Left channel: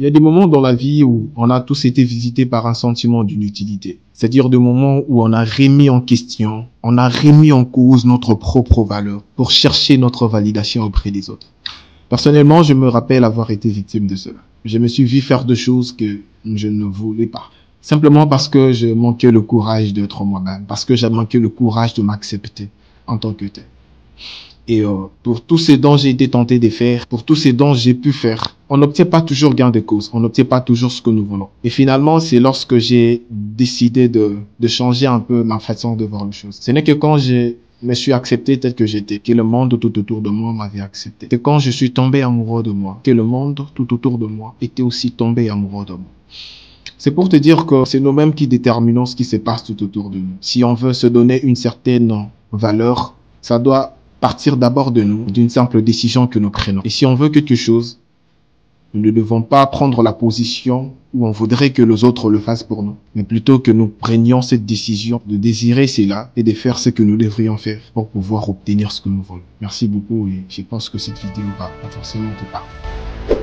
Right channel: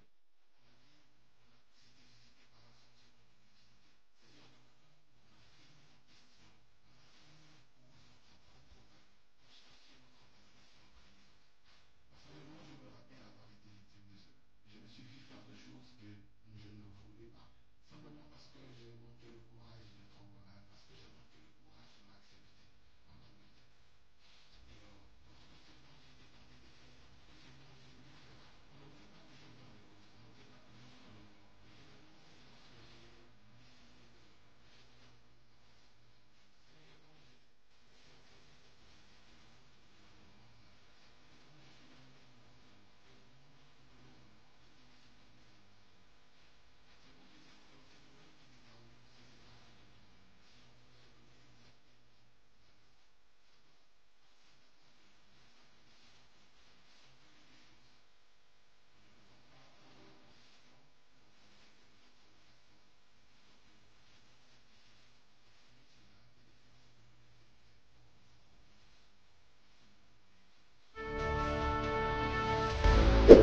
Il y a des moments dans la vie où on a tous été visités par un sentiment d'inutilité. C'est-à-dire des moments où on a remis en question, on a remis en cause notre propre valeur pour chercher notre validation auprès des autres. Personnellement, je me rappelle avoir été victime de cela. Je me suis vu faire des choses que je ne voulais pas. Simplement parce que je manquais le courage d'être moi-même, parce que j'ai manqué le courage de m'accepter en tant que tel. Et pour tous ces dons j'ai été tenté de faire, pour tous ces dons j'ai pu faire, on n'obtient pas toujours gain de cause, on n'obtient pas toujours ce que nous voulons. Et finalement, c'est lorsque j'ai décidé de changer un peu ma façon de voir les choses. Ce n'est que quand je me suis accepté tel que j'étais, que le monde tout autour de moi m'avait accepté. C'est quand je suis tombé amoureux de moi, que le monde tout autour de moi était aussi tombé amoureux de moi. C'est pour te dire que c'est nous-mêmes qui déterminons ce qui se passe tout autour de nous. Si on veut se donner une certaine valeur, ça doit partir d'abord de nous, d'une simple décision que nous prenons. Et si on veut quelque chose, nous ne devons pas prendre la position où on voudrait que les autres le fassent pour nous, mais plutôt que nous prenions cette décision de désirer cela et de faire ce que nous devrions faire pour pouvoir obtenir ce que nous voulons. Merci beaucoup et je pense que cette vidéo va forcément te parler.